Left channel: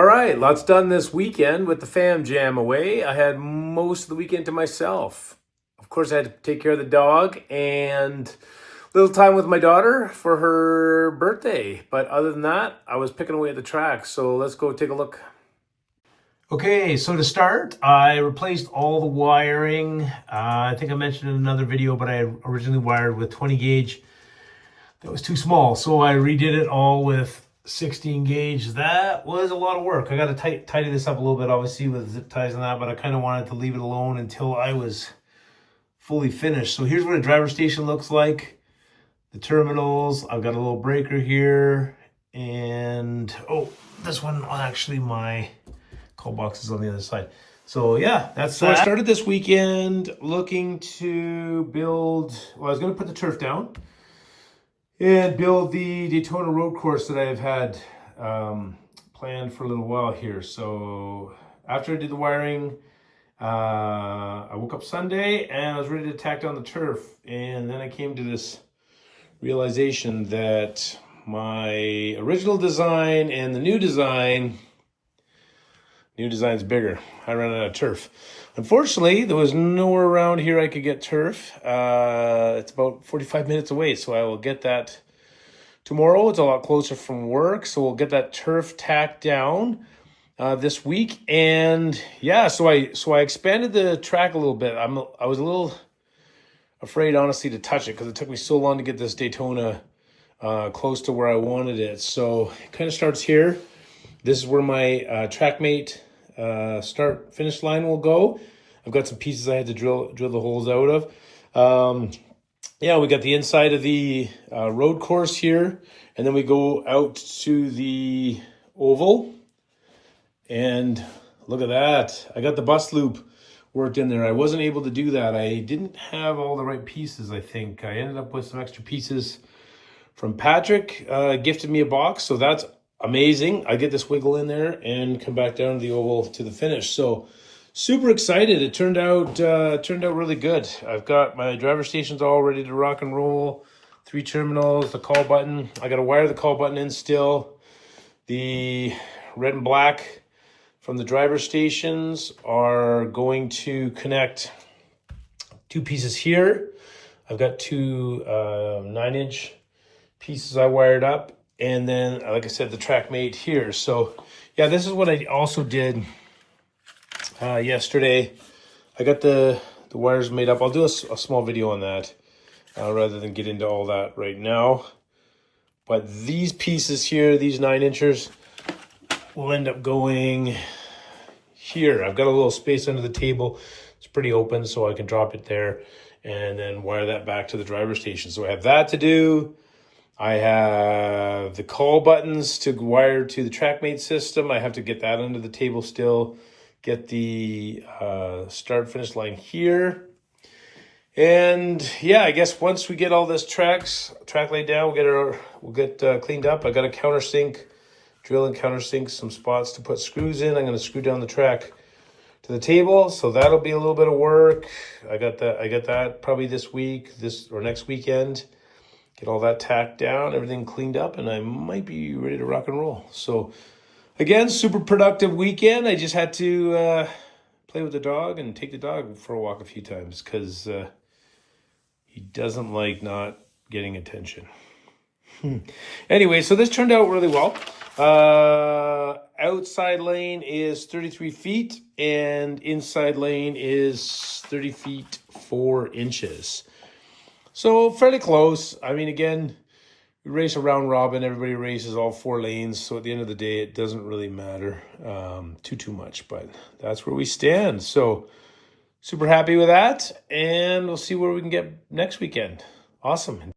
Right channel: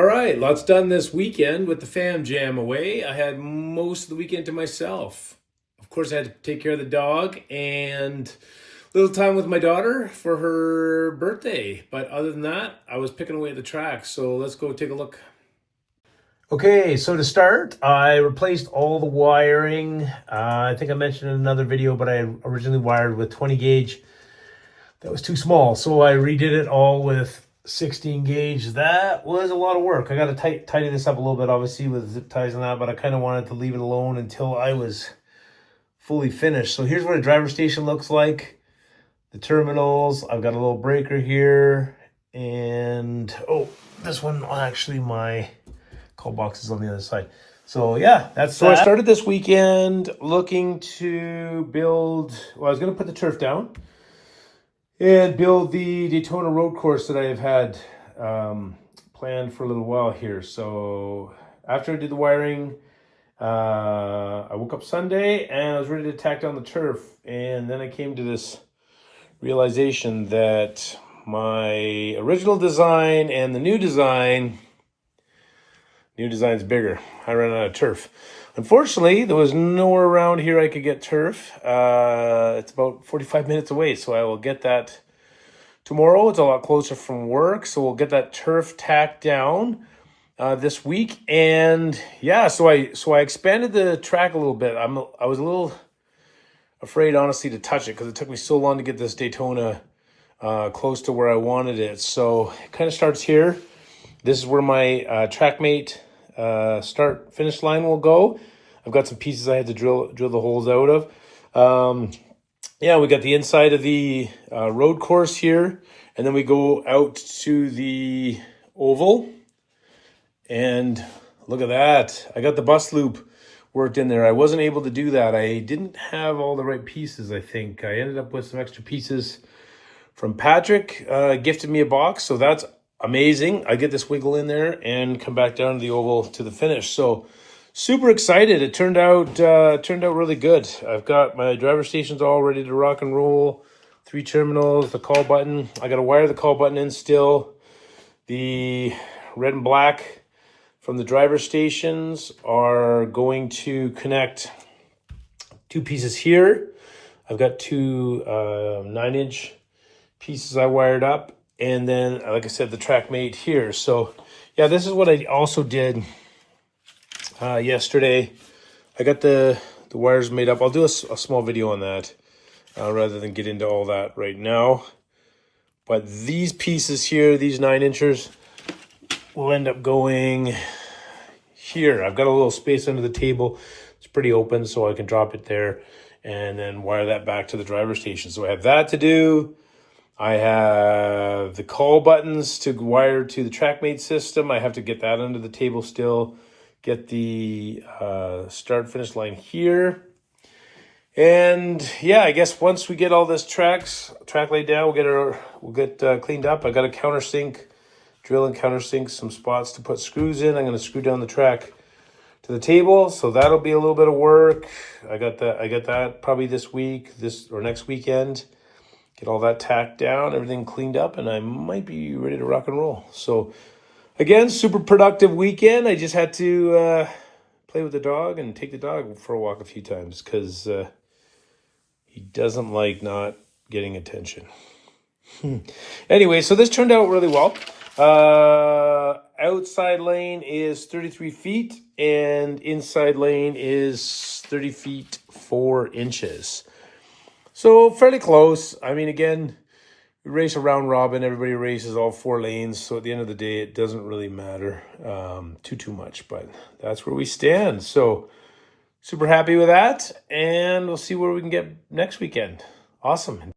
All right, lots done this weekend with the fam jam away. I had most of the weekend to myself. Of course, I had to take care of the dog and a little time with my daughter for her birthday. But other than that, I was picking away at the track. So let's go take a look. Okay, so to start, I replaced all the wiring. I think I mentioned in another video, but I originally wired with 20 gauge. That was too small, so I redid it all with 16 gauge. That was a lot of work. I got to tidy this up a little bit, obviously, with zip ties and that, but I kind of wanted to leave it alone until I was fully finished. So here's what a driver station looks like. The terminals, I've got a little breaker here, and this one, actually, my call box is on the other side. So yeah, that's so that. I started this weekend looking to build, well, I was going to put the turf down and build the Daytona road course that I have had planned for a little while here. So after I did the wiring, I woke up Sunday and I was ready to tack down the turf. And then I came to this realization that my original design and the new design's bigger. I ran out of turf. Unfortunately, there was nowhere around here I could get turf. It's about 45 minutes away, so I will get that tomorrow. It's a lot closer from work, so we'll get that turf tacked down this week. And yeah, so I expanded the track a little bit. I was a little afraid, honestly, to touch it because it took me so long to get this Daytona close to where I wanted it. So it kind of starts here. This is where my TrackMate start finish line will go. I've got some pieces I had to drill the holes out of. Yeah, we got the inside of the road course here, and then we go out to the oval. And look at that. I got the bus loop worked in there. I wasn't able to do that. I didn't have all the right pieces, I think. I ended up with some extra pieces from Patrick. Gifted me a box, so that's amazing. I get this wiggle in there and come back down to the oval to the finish. So super excited. It turned out really good. I've got my driver stations all ready to rock and roll. 3 terminals, the call button. I got to wire the call button in still. The red and black from the driver stations are going to connect 2 pieces here. I've got 2 9-inch pieces I wired up. And then, like I said, the TrackMate here. So, yeah, this is what I also did yesterday. I got the wires made up. I'll do a small video on that rather than get into all that right now. But these pieces here, these 9-inchers, will end up going here. I've got a little space under the table. It's pretty open, so I can drop it there and then wire that back to the driver station. So I have that to do. I have the call buttons to wire to the TrackMate system. I have to get that under the table still. Get the start finish line here. And yeah, I guess once we get all this track laid down, we'll get cleaned up. I got a countersink, drill and countersink some spots to put screws in. I'm going to screw down the track to the table, so that'll be a little bit of work. I got that probably this week, or next weekend. Get all that tacked down, everything cleaned up, and I might be ready to rock and roll. So, again, super productive weekend. I just had to play with the dog and take the dog for a walk a few times because he doesn't like not getting attention. Anyway, so this turned out really well. Outside lane is 33 feet, and inside lane is 30 feet 4 inches. So fairly close. I mean, again, we race a round robin. Everybody races all 4 lanes. So at the end of the day, it doesn't really matter too much. But that's where we stand. So super happy with that. And we'll see where we can get next weekend. Awesome.